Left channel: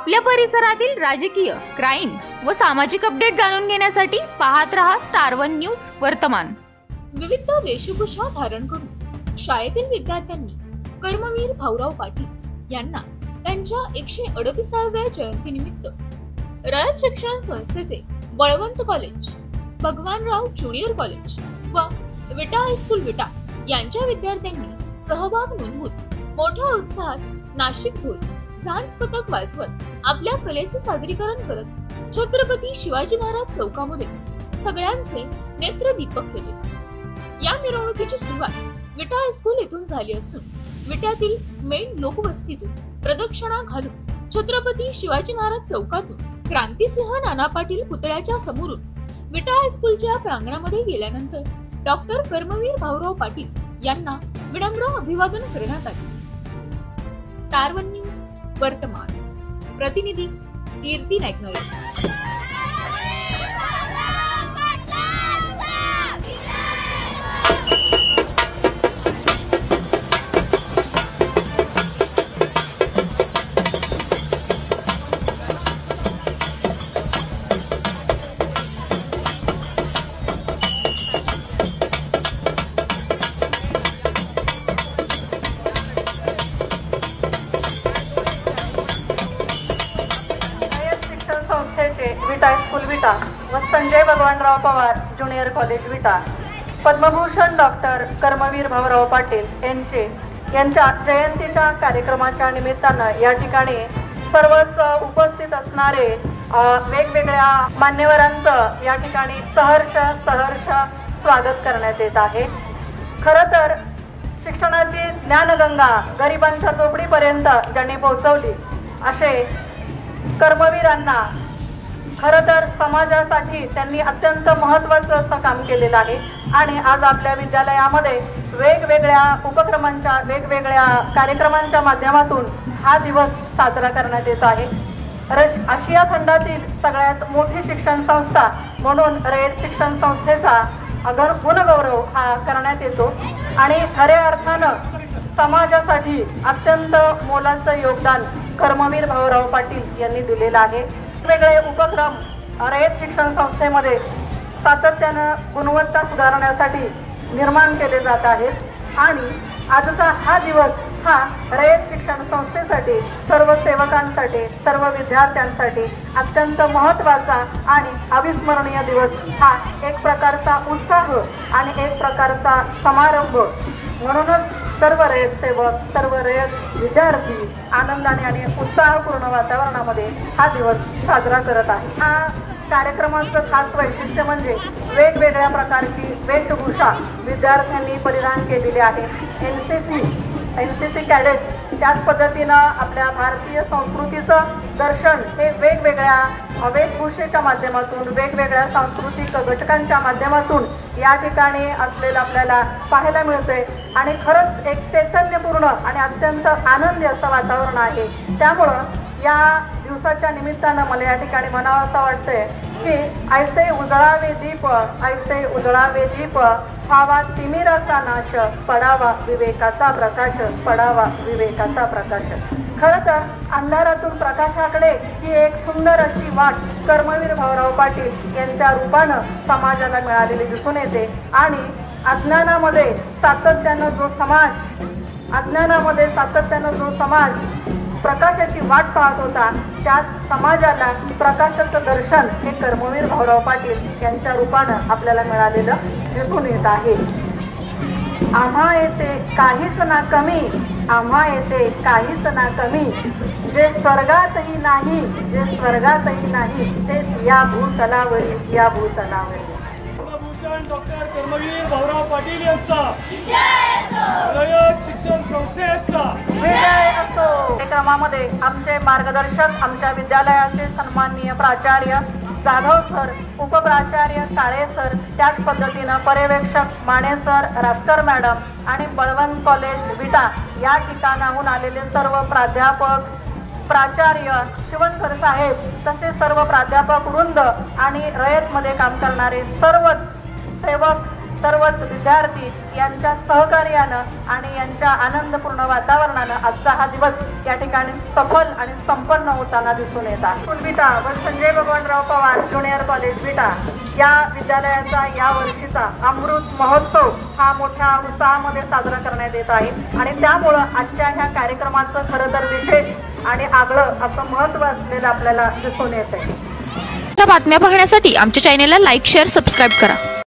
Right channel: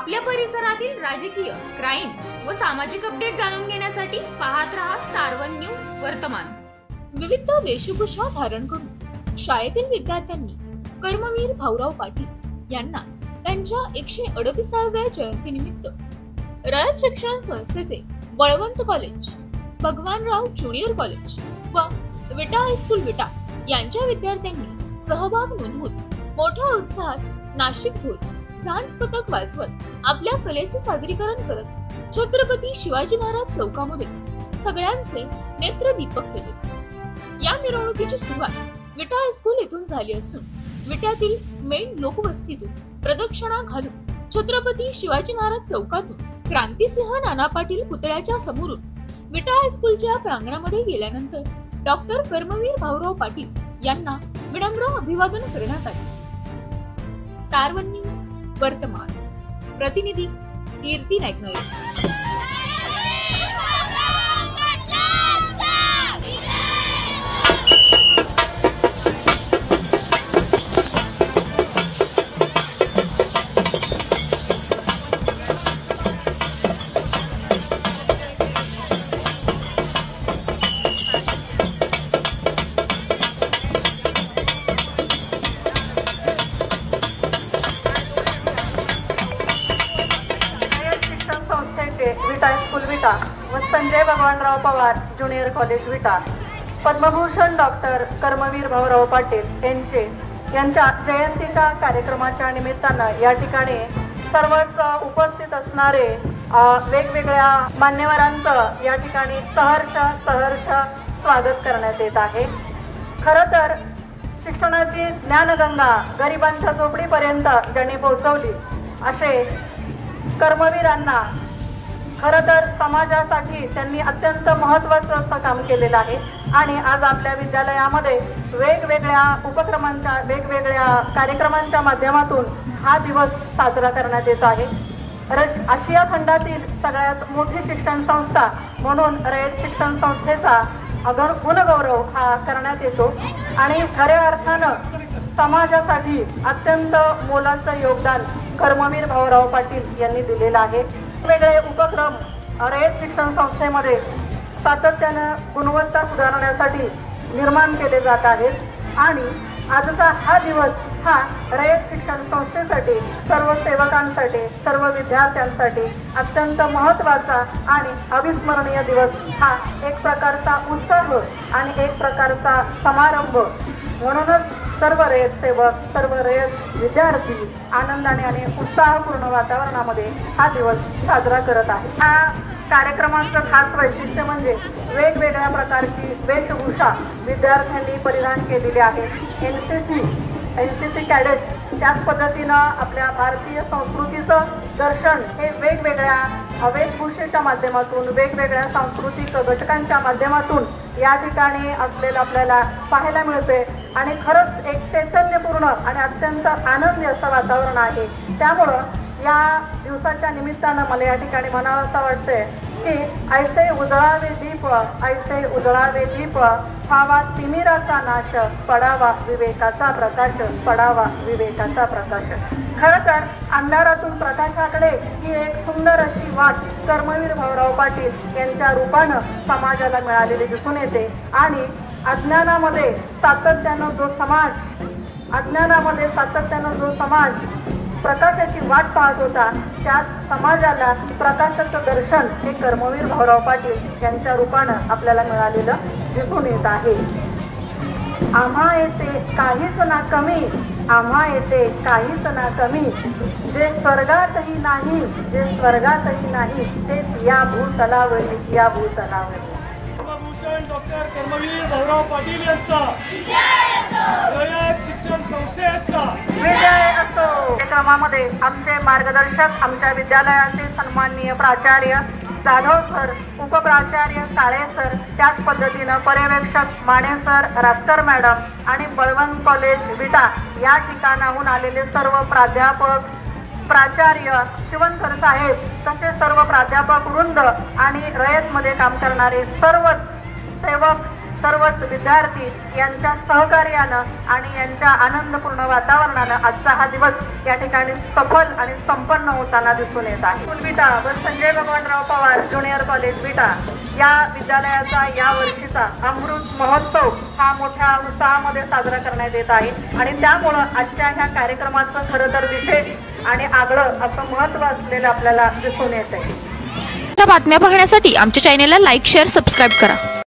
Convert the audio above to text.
आपल्या परिसरातील राजकीय, क्राईम व सामाजिक अपडेट जाणून घेण्यासाठी पाहत रहा स्टार वन न्यूज वर्तमान। विविध वेशभूषा धारण करून शाळेतील विद्यार्थ्यांनी कर्मवीर भाऊराव पाटील यांना त्यांच्या 138व्या जयंतीनिमित्त रयत शिक्षण संस्थेचे Balwant college, Bhagwanrao junior college व विटा हायस्कूल विटा यांच्या विद्यार्थ्यांनी सहभाग नोंदवून मोठ्या उत्साहात नाशिक ढोल, झांज पथक वाजवत आपल्या कलेचे सादरीकरण करत छत्रपती शिवाजी महाराज चौकामध्ये सगळ्यांचे नेत्रदीपक केले। या मिरवणुकीची सुरुवात विटा हायस्कूल येथून झाली असून विट्यातील मेन लोकवस्तीतून प्रदक्षिणा घालून छत्रपती शिवाजी महाराज चौकातून क्रांतिसिंह नाना पाटील पुतळ्याच्या समोरून विटा हायस्कूलच्या प्रांगणामध्ये गेल्यानंतर डॉक्टर कर्मवीर भाऊराव पाटील यांना विनम्र अभिवादन करण्यात आले। स्टार वन न्यूज वर्तमान प्रतिनिधी कीर्ती नाईक। विटा हायस्कूल विटा व संजय भगवानराव पवार ज्युनियर कॉलेज विटा पद्मभूषण डॉक्टर कर्मवीर भाऊराव पाटील यांच्या जयंतीच्या कार्यक्रमाच्या निमित्तानं या ठिकाणी सर्वच उपस्थित असणारे वेगवेगळ्या मान्यवरांचं या ठिकाणी सहर्ष स्वागत करण्यात येत आहे। खरं तर शिक्षणाची ज्ञानगंगा गरिबांच्या झोपडीपर्यंत ज्यांनी पोहोचवली असे कर्मवीरांना खरं तर समाजासाठी त्यांनी अत्यंत महत्त्वाचं असं काम केलेलं आहे आणि आज आपल्या विद्यालयामध्ये वेगवेगळ्या उपक्रमांच्या वेगवेगळ्या कार्यक्रमांच्या माध्यमातून हा दिवस साजरा करण्यात येत आहे। आशिया खंडातील सगळ्यात मोठी शिक्षण संस्था म्हणून रयत शिक्षण संस्थेचा गुणगौरव हा करण्यात येतो आणि खऱ्या अर्थानं समाजासाठी अत्यंत मोलाचं योगदान कर्मवीर भाऊराव पाटील यांनी दिलेलं आहे। वेगवेगळे उपक्रम रयत शिक्षण संस्थेमध्ये सातत्यानं गुणवत्ता सुधारण्यासाठी निर्माण केले जात आहेत आणि आजचा हा दिवस हा रयत शिक्षण संस्थेसाठी, सर्व सेवकांसाठी, सर्व विद्यार्थ्यांसाठी अत्यंत महत्त्वाचा आणि अविस्मरणीय दिवस हा एक प्रकारचा उत्साह आणि एक प्रकारचा समारंभ म्हणूनच सर्व रयत सेवक, सर्व रयत विद्यार्थी आनंदाने आणि उत्साहपूर्ण वातावरणामध्ये हा दिवस साजरा करत आहे। हा कार्यक्रमाचं खास वैशिष्ट्य म्हणजे वेगवेगळ्या प्रकारची वेशभूषा विद्यार्थ्यांनी परिधान केलेली आहे। एनसीसी कॅडेट त्याच पद्धतीनं आपल्या भारतीय संस्कृतीचं दर्शन हे वेगवेगळ्या वेशभूषेच्या माध्यमातून, वेगवेगळ्या सांस्कृतिक घटकांच्या माध्यमातून या ठिकाणी असलेलं आपल्याला पाहायला मिळते आणि खरंच एक चैतन्यपूर्ण आणि अत्यंत आनंदी असं वातावरण आहे। त्यामुळं या दिवसाच्या निमित्तानं मला या ठिकाणी म्हणावं असं वाटतंय की ऐसे उजळावे दीप, ऐसे उजळावे दीप, व्हावा तिमिराचा नाश, पडावा विवेकाचा प्रकाश, पडावा विवेकाचा प्रकाश। खरं तर अंधारातून प्रकाशाकडे ही एक सुंदर अशी वाट कर्मवीर भाऊराव पाटील यांच्या रूपानं समाजाला मिळालेली दिसून येते आणि अज्ञानामध्ये सातत्यानं जो समाज प्रकाशाची वाट पाहत होता त्या समाजाला प्रकाशाचं दर्शन हे कर्मवीर भाऊराव पाटील यांच्या रूपानं आपल्याला मिळालेलं दिसून येत आहे। आम्हा येते काहीच ना कमी, आम्हा येते काहीच ना कमी, जे स्वर्गातही नाही, जे स्वर्गातही नाही, तेच या भूतलावरी, या भूतलावरी। पद्मभूषण डॉक्टर कर्मवीर भाऊराव पाटील यांचा रयत शिक्षण संस्थेचा विजय असो। कार्यक्रमामध्ये आमचे मार्गदर्शक, आमच्या विद्यालयाचे सन्माननीय प्राचार्य जाधव सर, उपप्राचार्य काळे सर, त्याच पद्धतीनं पर्यवेक्षक माने सर, रास्कर मॅडम आणि बळवंत कॉलेज विटा या ठिकाणाहून आलेले सर्व प्राध्यापक, प्राचार्य, शिवणकर साहेब तसे सर्व प्राध्यापक वृंद आणि रयतमध्ये काम करणारे सर्व सेवक सर्वच विद्यार्थी यांच्या सहकार्यानं आणि यांच्या आनंदपूर्ण वातावरणानं आजचा हा दिवस या ठिकाणी सफल आणि संपन्न होताना दिसून येत आहे. विटा व संजय भगवानराव पवार ज्युनियर कॉलेज विटा या विद्यालयाचा या वर्षीचा अमृत महोत्सव हा मोठ्या उत्साहामध्ये साजरा करण्यात येत आहे आणि त्यामुळं आजच्या ह्या कार्यक्रमाचं खरं तर विशेष आणि आगळं असं महत्त्व असलेलं आपल्याला दिसून येत आहे. बातम्या पाहण्यासाठी आमच्या चॅनेलला लाईक, शेअर, सबस्क्राईब करा.